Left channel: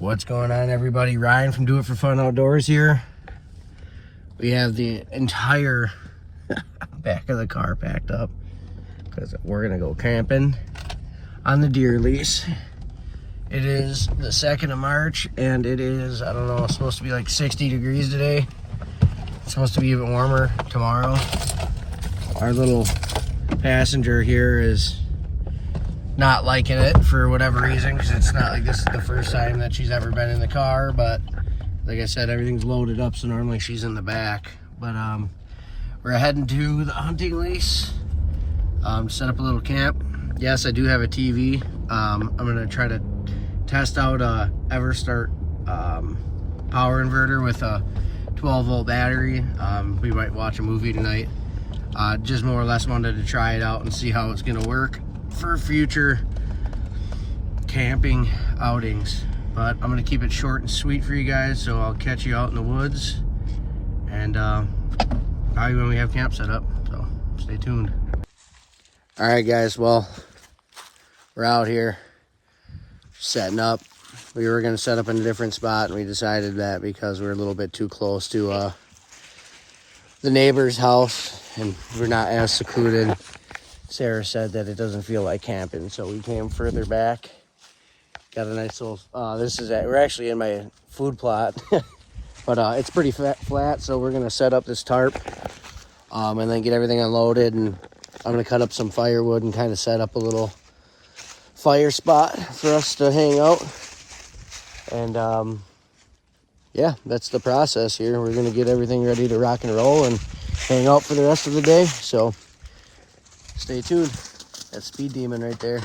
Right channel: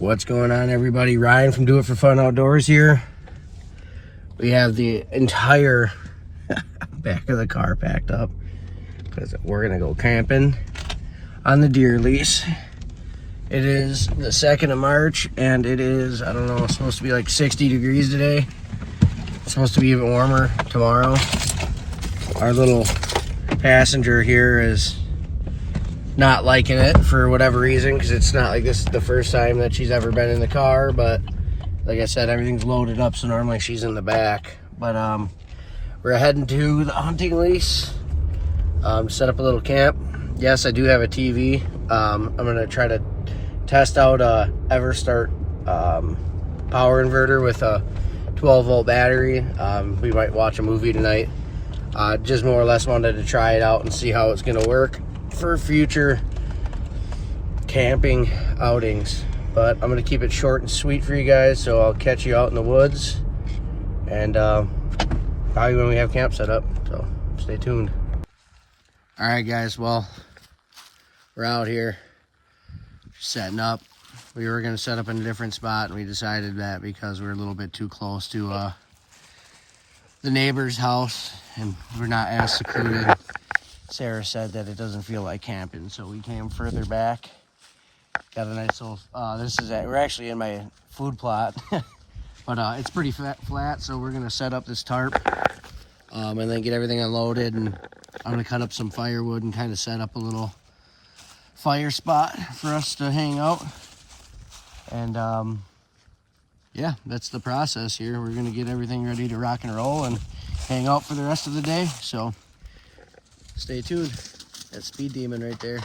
What's going on, everybody? Ryan from Do It For Fun Outdoors here. We have the entire back of the car packed up because we're gonna go camping on the deer lease. It is the 2nd of March and it is, I don't know, it's supposed to be like 60 degrees today. It's supposed to be even warmer tomorrow. Our little passenger here is not liking it for whatever reason, because it's not like this is the first time that she's ever been in the car, but like I said, everything's loaded up, so normally she's in the back. But we're heading to the hunting lease, set up a little camp. Yes, I do have a TV. I'm gonna try to test out a EverStart power inverter with a 12-volt battery. We might watch a movie tonight. Just more or less wanted to try it out and see how it's gonna work for future camping outings. But I'm gonna keep it short and sweet for you guys, so I'll catch you out in the woods and probably when we have camp set up, so stay tuned. All right guys, well, we're out here setting up. We were gonna set up in a different spot and we decided that because we're a little bit too close to the neighbor's house and we're not as secluded. Sarah said that it doesn't feel like camping, so we came further back. Got a nice little, we're actually in my food plot, but it's pretty flat, so we're gonna set up this tarp and then get everything unloaded, and I'm gonna cut up some firewood and kind of set up a little fire spot for us to hang out. And yeah, that's the process here. We're gonna get everything ready to rock and roll and hang out for the rest of the day, so stay tuned. That's Speed Demon right there.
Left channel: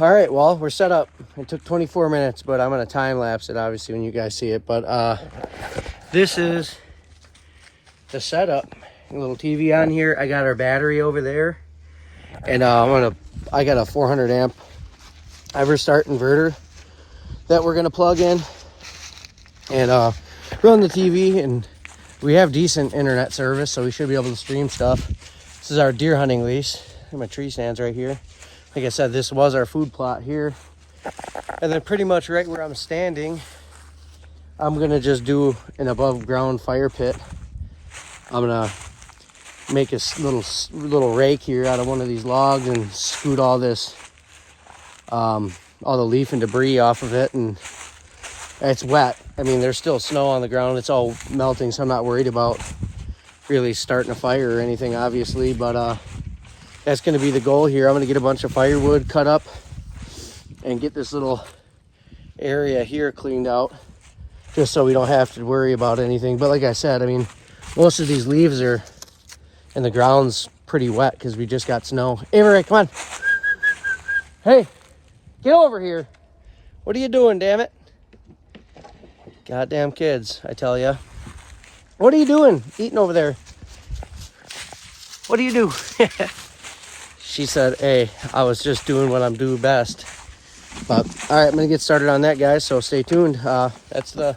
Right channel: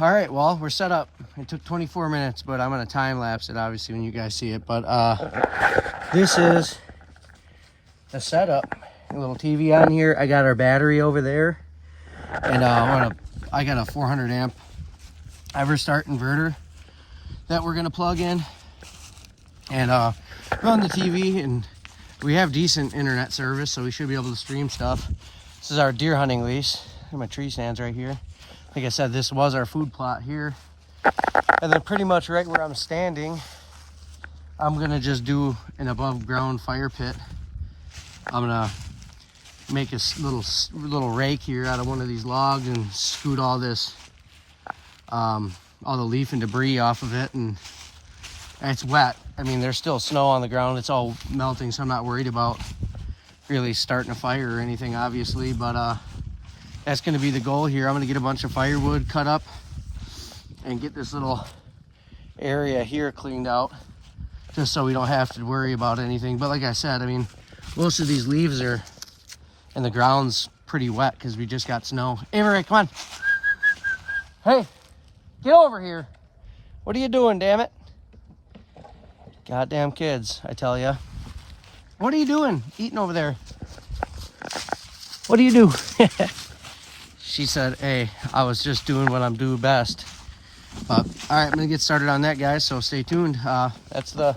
All right, well, we're set up. It took 24 minutes, but I'm gonna time lapse it obviously when you guys see it. But this is the setup. A little TV on here. I got our battery over there, and I got a 400 amp EverStart inverter that we're gonna plug in and run the TV. And we have decent internet service, so we should be able to stream stuff. This is our deer hunting lease. My tree stands right here. Like I said, this was our food plot here. And then pretty much right where I'm standing, I'm gonna just do an above ground fire pit. I'm gonna make a little rake here out of one of these logs and scoot all this, all the leaf and debris off of it. And it's wet. I mean, there's still snow on the ground. It's all melting, so I'm not worried about really starting a fire or anything, obviously. But that's going to be the goal here. I'm going to get a bunch of firewood cut up and get this little area here cleaned out just so we don't have to worry about anything. But like I said, I mean, most of these leaves are, and the ground's pretty wet because we just got snow. Avery, come on. Hey, get over here. What are you doing, damn it? Goddamn kids, I tell ya. What are you doing? Eating over there. What do you do? She said, hey, I was just doing what I'm doing best. But all right, I'm gonna get started on that, guys, so stay tuned. That's the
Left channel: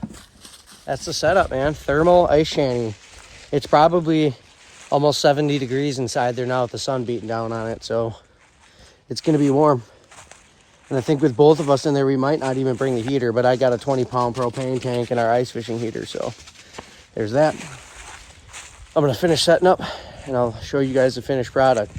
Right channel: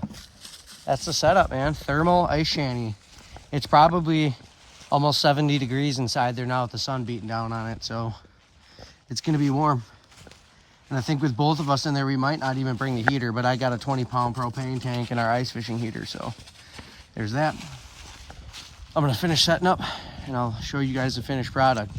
setup, man. Thermal ice shanty. It's probably almost 70 degrees inside there now with the sun beating down on it, so it's gonna be warm. And I think with both of us in there, we might not even bring a heater, but I got a 20-pound propane tank and our ice fishing heater, so there's that. I'm gonna finish setting up and I'll show you guys the finished product.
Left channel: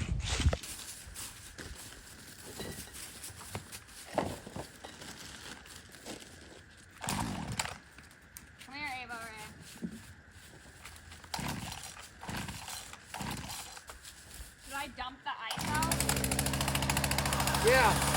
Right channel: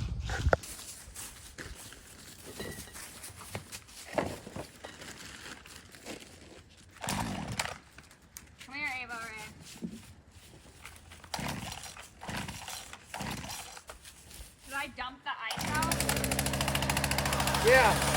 Yeah.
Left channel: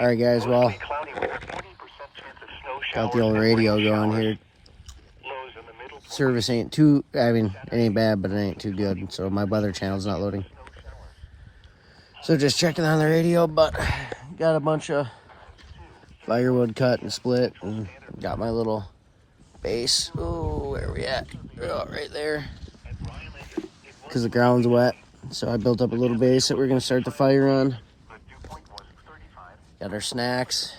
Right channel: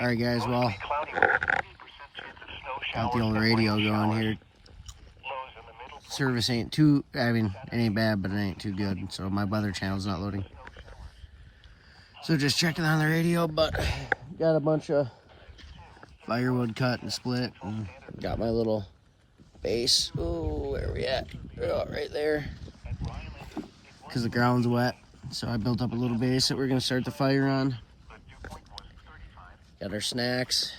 Alright guys, well, got the old radio going here. Service ain't too, I mean, it ain't bad, but it ain't too good. So my weather channel's not loading. So just checking on the radio, but got a bunch of firewood cut and split, and got my little base. Oh, where are we at? Oh, right there. Because the ground's wet. So I built up a little base that we're going to start the fire on. Got our snacks.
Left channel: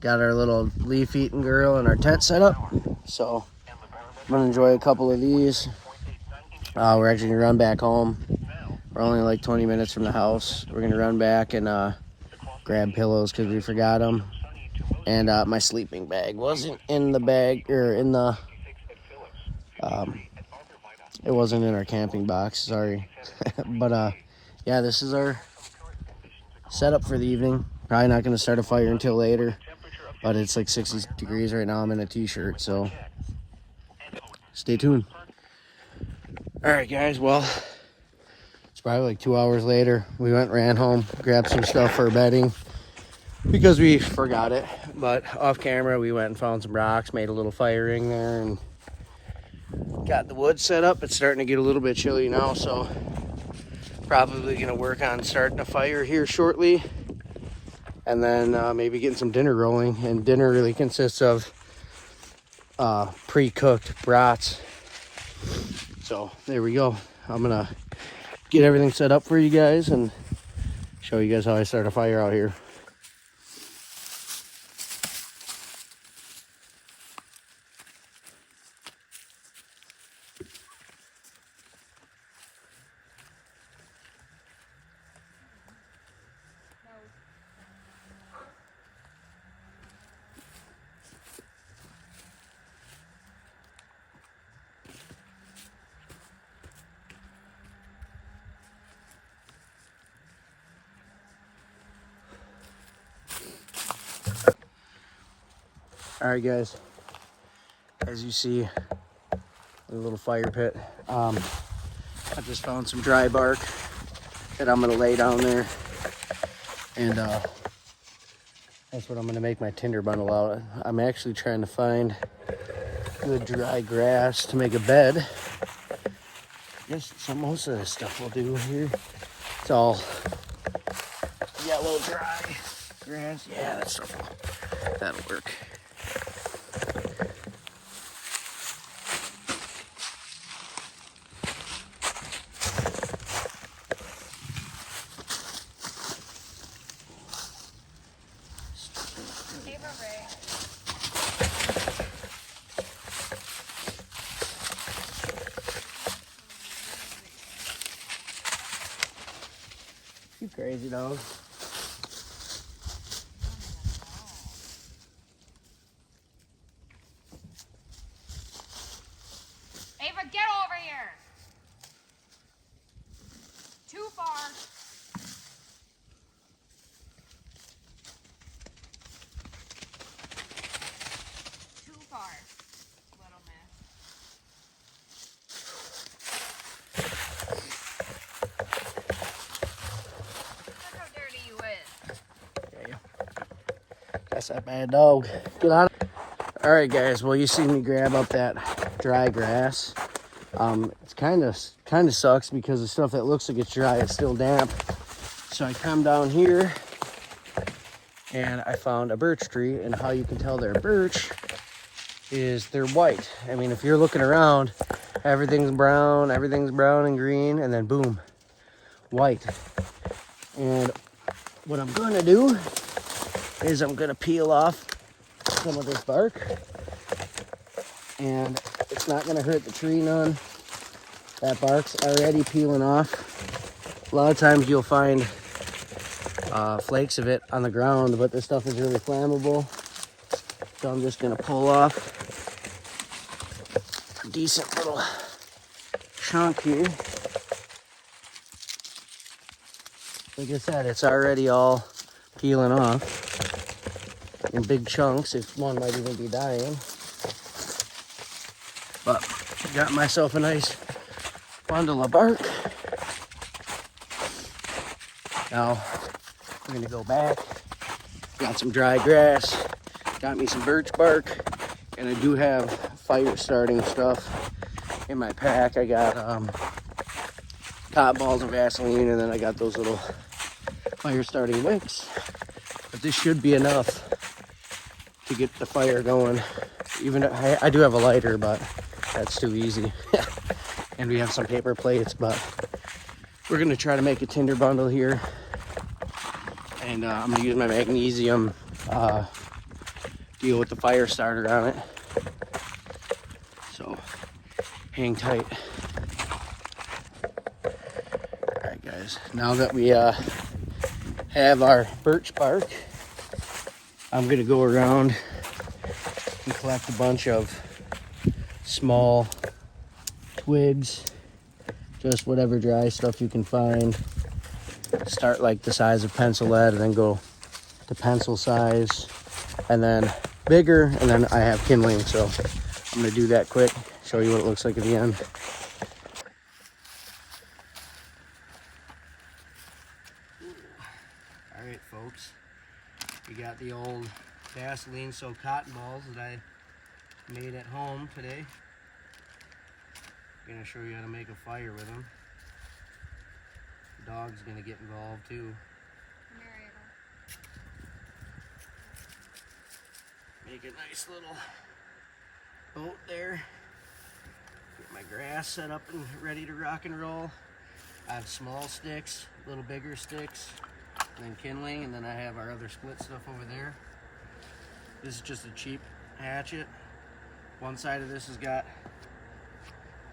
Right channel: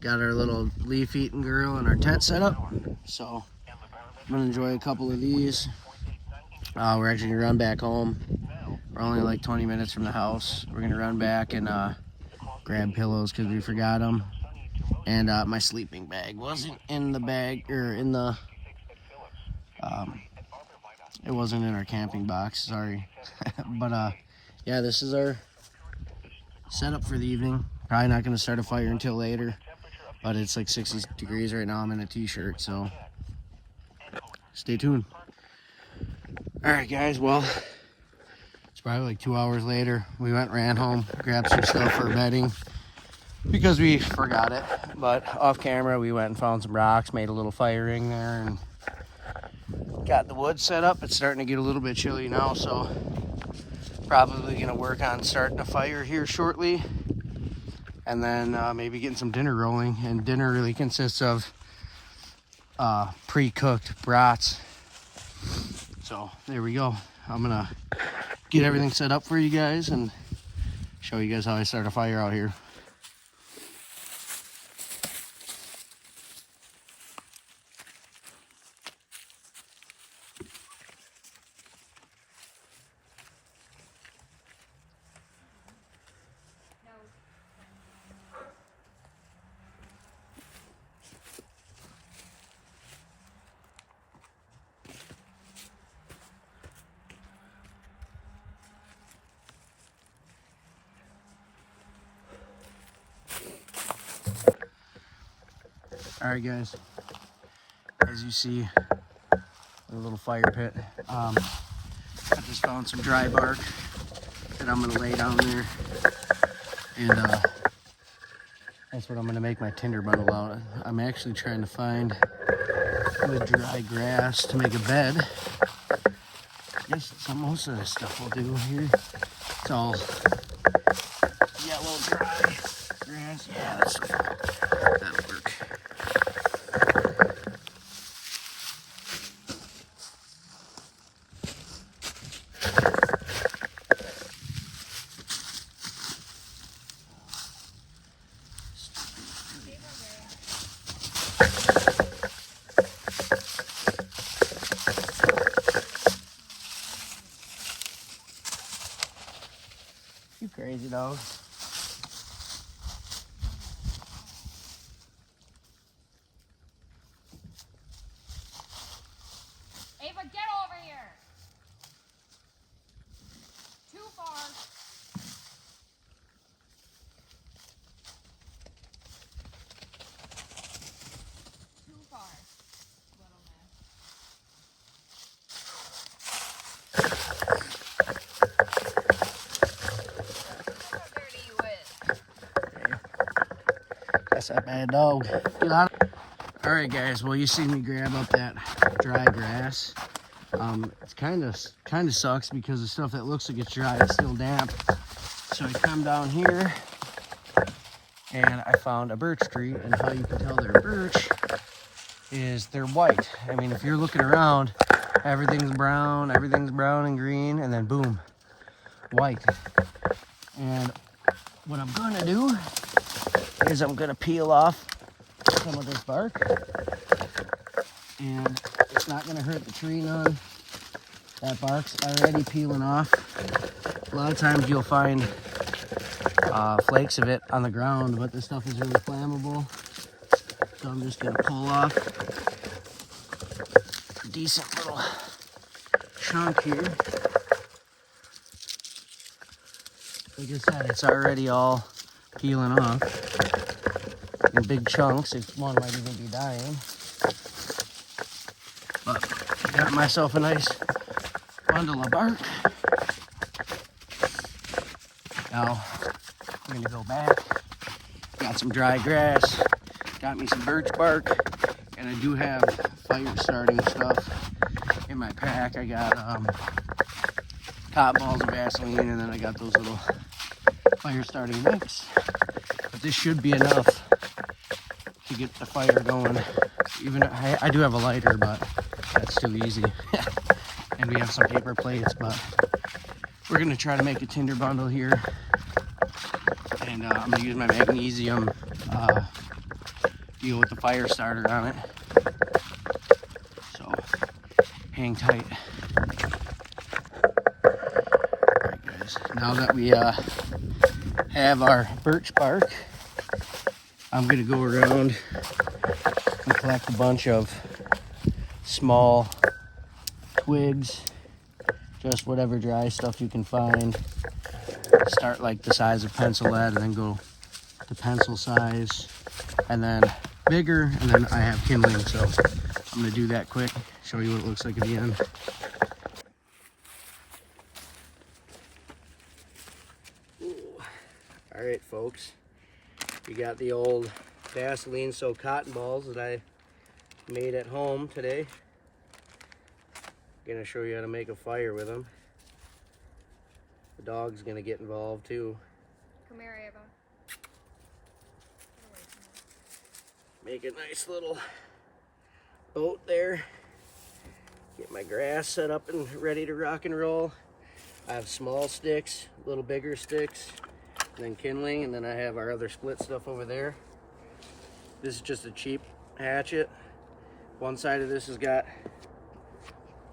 Got our little leaf eating girl and our tent set up. So I'm going to enjoy a couple of these. We're actually going to run back home. We're only like 20 minutes from the house. We're going to run back and grab pillows because we forgot them. And my sleeping bag wasn't in the bag, or in the, it wasn't in our camping box, sorry. But yeah, this is our setup for the evening. Probably not going to start a fire until later, but it's like 60 degrees right now. I'm in a t-shirt, so stay tuned. All right, guys, well, it's probably like 2 hours later. We ran home, grabbed some stuff for bedding because we forgot it, but off camera we went and found some rocks, made a little fire ring there, and got the wood set up. It's starting to get a little bit chilly now, so probably gonna work on starting a fire here shortly, and then maybe getting some dinner rolling. And dinner really consists of pre-cooked brats. So there we go. I'm gonna get everything set up for you guys and show you guys how I start a fire out here. All right, guys. As you see, a little fire pit. I just found some dry bark that I'm gonna lay down there, and that's what I'm gonna make my tinder bundle out of. I'm actually trying to find good dry grass to make a bed. I guess most of this stuff we'll do here. It's all yellow dry grass. Yeah, that'll work. You crazy dog. Ava, get over here. Too far. Too far. Little man. Look how dirty you is. That's that bad dog. Get out. All right, guys. Well, you see me grab up that dry grass. It's kind of sucks because the stuff that looks like it's dry is still damp. So I come down here and I found a birch tree, and how you can tell they're birch is they're white. I mean, if you're looking around, everything's brown and green, and then boom, white. And what I'm gonna do is I'm gonna peel off some of this bark, and it's not gonna hurt the tree none. That bark's already peeling off. A lot of times you'll find flakes of it on the ground, but this stuff is really flammable. So I'm just gonna pull off a decent little chunk here. Like I said, it's already all peeling off in big chunks. One might even be dying. But got myself a nice bundle of bark. Now I'm gonna go back. Got some dry grass. Got me some birch bark, and I do have fire starting stuff in my pack. I got hot balls of Vaseline, and then I got those little fire starting wicks. But this should be enough to get the fire going. Even I do have a lighter, but that's too easy. And we have some paper plates, but we're gonna try to make a tinder bundle here. And I'm gonna use my magnesium deal with the fire starter on it. So hang tight. Alright guys, now that we have our birch bark, I'm gonna go around and collect a bunch of small twigs, just whatever dry stuff you can find. Start like the size of pencil lead, and then go to pencil size, and then bigger, and then I have kindling, so I'm gonna do that quick, show you what it looks like at the end. All right, folks, we got the old Vaseline soaked cotton balls that I made at home today. Gonna show you how to make a fire with them. The dog's gonna get involved too. Come here, Ava. Make a nice little boat there. Get my grass set up and ready to rock and roll. I have small sticks, little bigger sticks, and then kindling, and then I have our other split stuff over there. This is just a cheap hatchet. One side of this has got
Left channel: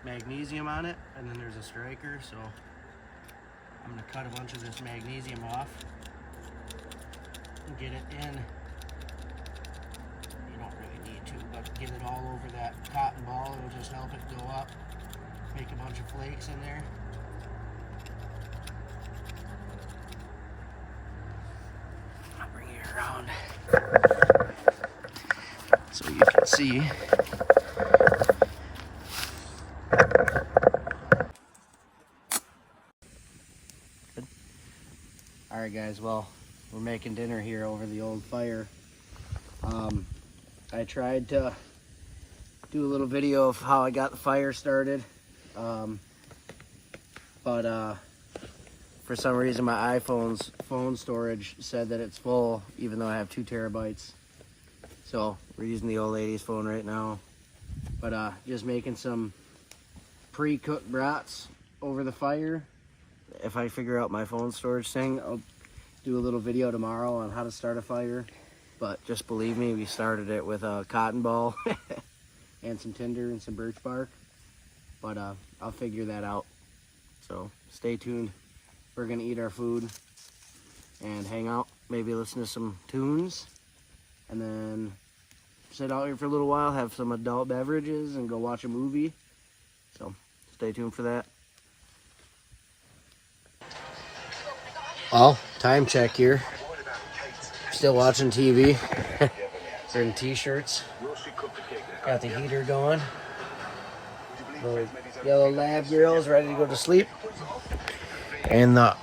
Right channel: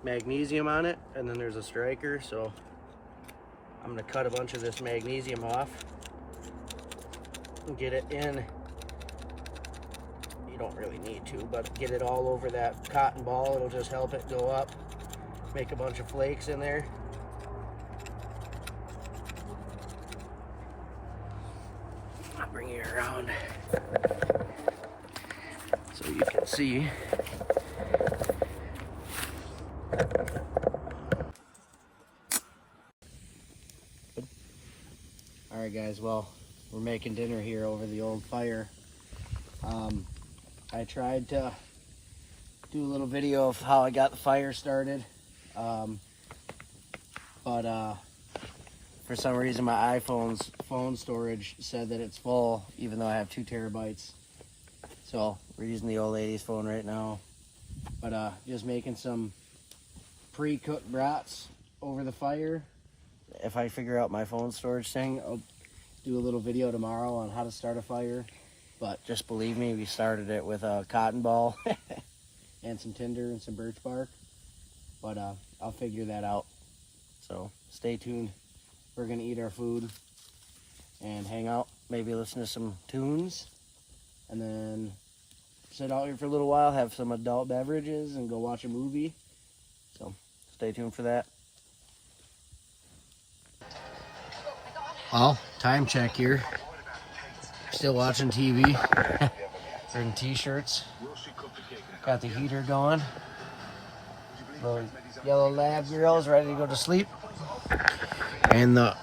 magnesium on it, and then there's a striker, so I'm gonna cut a bunch of this magnesium off and get it in. You don't really need to, but get it all over that cotton ball. It'll just help it go up. Make a bunch of flakes in there. I'll bring you around so Let's see. Good. All right, guys. Well, we're making dinner here over the old fire. I tried to do a little video of how I got the fire started, but for some reason my iPhone's phone storage said that it's full, even though I have 2 terabytes. So we're using the old lady's phone right now, but just making some pre-cooked brats over the fire. If I figure out my phone storage thing, I'll do a little video tomorrow on how to start a fire. But just believe me, we started it with a cotton ball and some tinder and some birch bark. But I'll figure that out. So stay tuned. We're gonna eat our food and hang out, maybe listen to some tunes, and then sit out here for a little while, have some adult beverages, and go watch a movie. So stay tuned for that. Well, time check here. Still watching TV. We're in t-shirts. Got the heater going. Little yellow lab girls ready to go to sleep. And the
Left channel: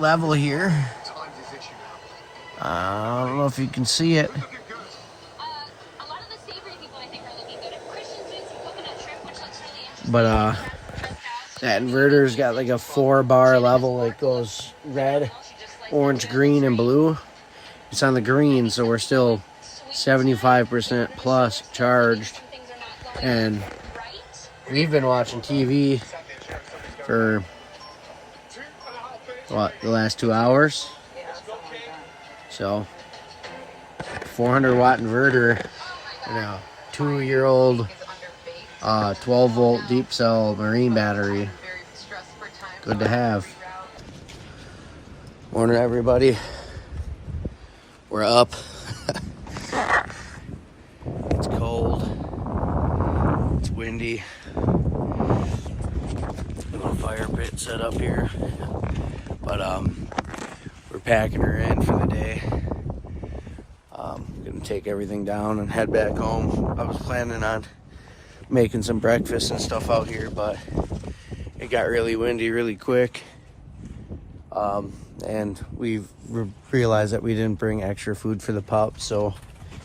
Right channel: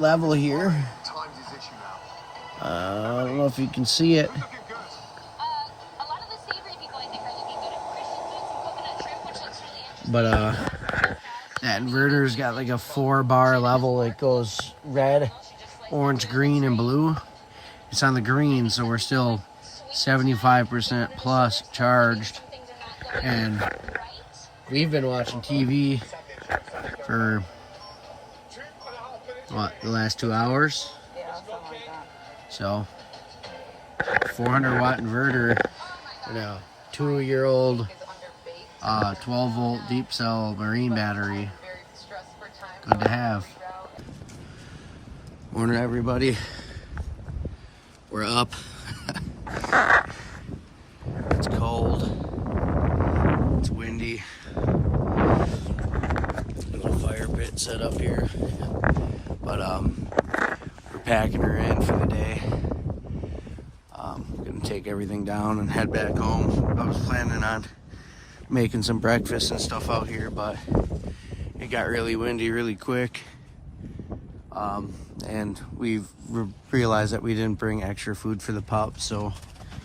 level here, I don't know if you can see it, but that inverter's got like a 4-bar level. It goes red, orange, green, and blue. It's on the green, so we're still 75% plus charged. And we've been watching TV for what, the last 2 hours? So 400 watt inverter, 2-year-old 12 volt deep cell marine battery. Good to have. Morning, everybody. We're up. It's cold. It's windy. Little fire pit set up here. But we're packing her in for the day. Gonna take everything down and head back home. I was planning on making some breakfast and stuff out here, but it got really windy really quick. And we realized that we didn't bring extra food for the pup, so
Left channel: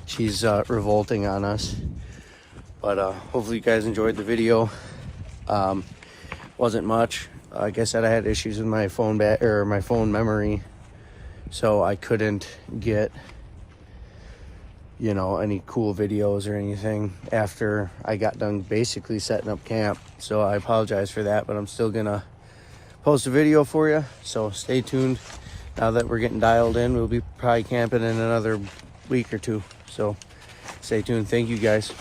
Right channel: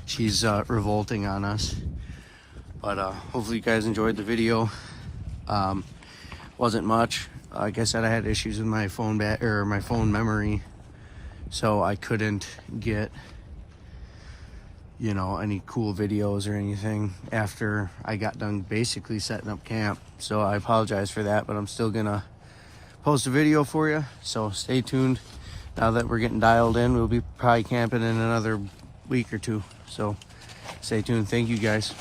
she's revolting on us. But hopefully you guys enjoyed the video. Wasn't much. Like I said, I had issues with my phone my phone memory, so I couldn't get, any cool videos or anything after I got done basically setting up camp. So I apologize for that, but I'm still gonna post a video for you, so stay tuned. Now that we're getting dialed in, we'll be probably camping in another week or 2, so stay tuned. Thank you, guys.